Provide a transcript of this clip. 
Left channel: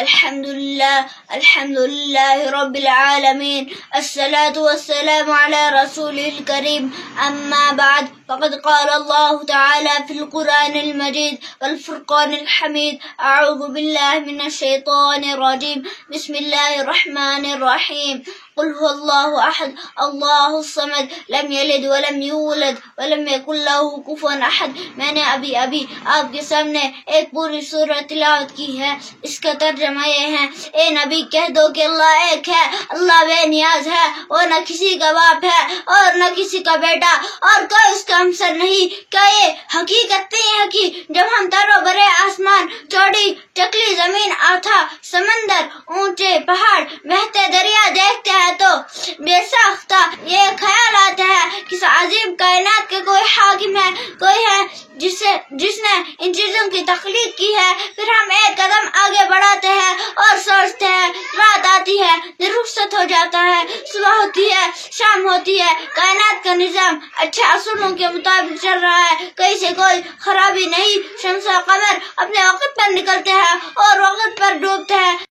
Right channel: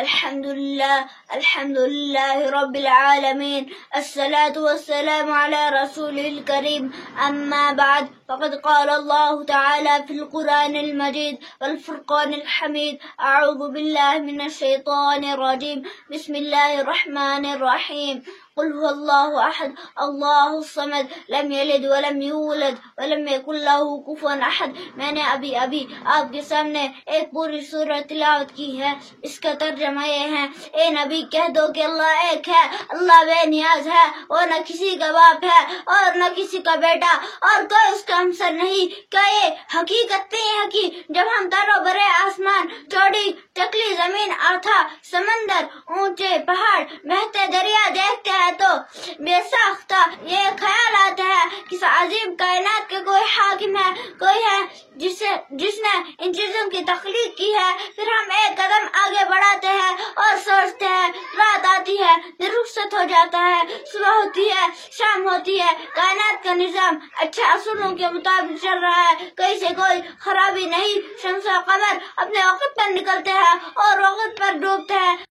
الحمد لله رب العالمين، الصلاة والسلام على رسوله الكريم، أما بعد، فقد قال الله تعالى في القرآن المجيد والفرقان الحميد: أعوذ بالله من الشيطان الرجيم، بسم الله الرحمن الرحيم، قل هو الله أحد اللہ الصمد لم یلد ولم یولد ولم یکن لہ کفوا احد۔ میں نے ابھی آپ کے سامنے ایک پوری سورۃ تلاوت کی ہے، اس کا ترجمہ یہ ہے: اے نبی کہہ دو کہ اللہ ایک ہے، اللہ بے نیاز ہے، وہ نہ کسی کا باپ ہے اور نہ کسی کا بیٹا، اور کوئی اس کا ہمسر نہیں۔ کیا یہ حقیقت نہیں ہے کہ جب ہم ترو برے آسمان، چوڑی چکلی زمین، آتھا سمندر، اونچے پہاڑ، بہتے دریا دیکھتے ہیں تو بے ساختہ یہ خیال آتا ہے کہ اس عظیم کائنات کے کوئی حاکم ہے، کوئی ہے جس نے ان چیزوں کی تخلیق کی ہے۔ پھر ہم ایک قدم آگے بڑھاتے ہیں اور سوچتے ہیں، رات آتی ہے، دن رخصت ہو جاتا ہے، صبح ہوتی ہے، شام ہوتی ہے، کائنات کا نظام اچھے اصولوں کے مطابق چل رہا ہے، کہیں سے کوئی خرابی نہیں، شمس و قمر اپنے وقت پر نکلتے ہیں اور وقت پر ڈوبتے ہیں۔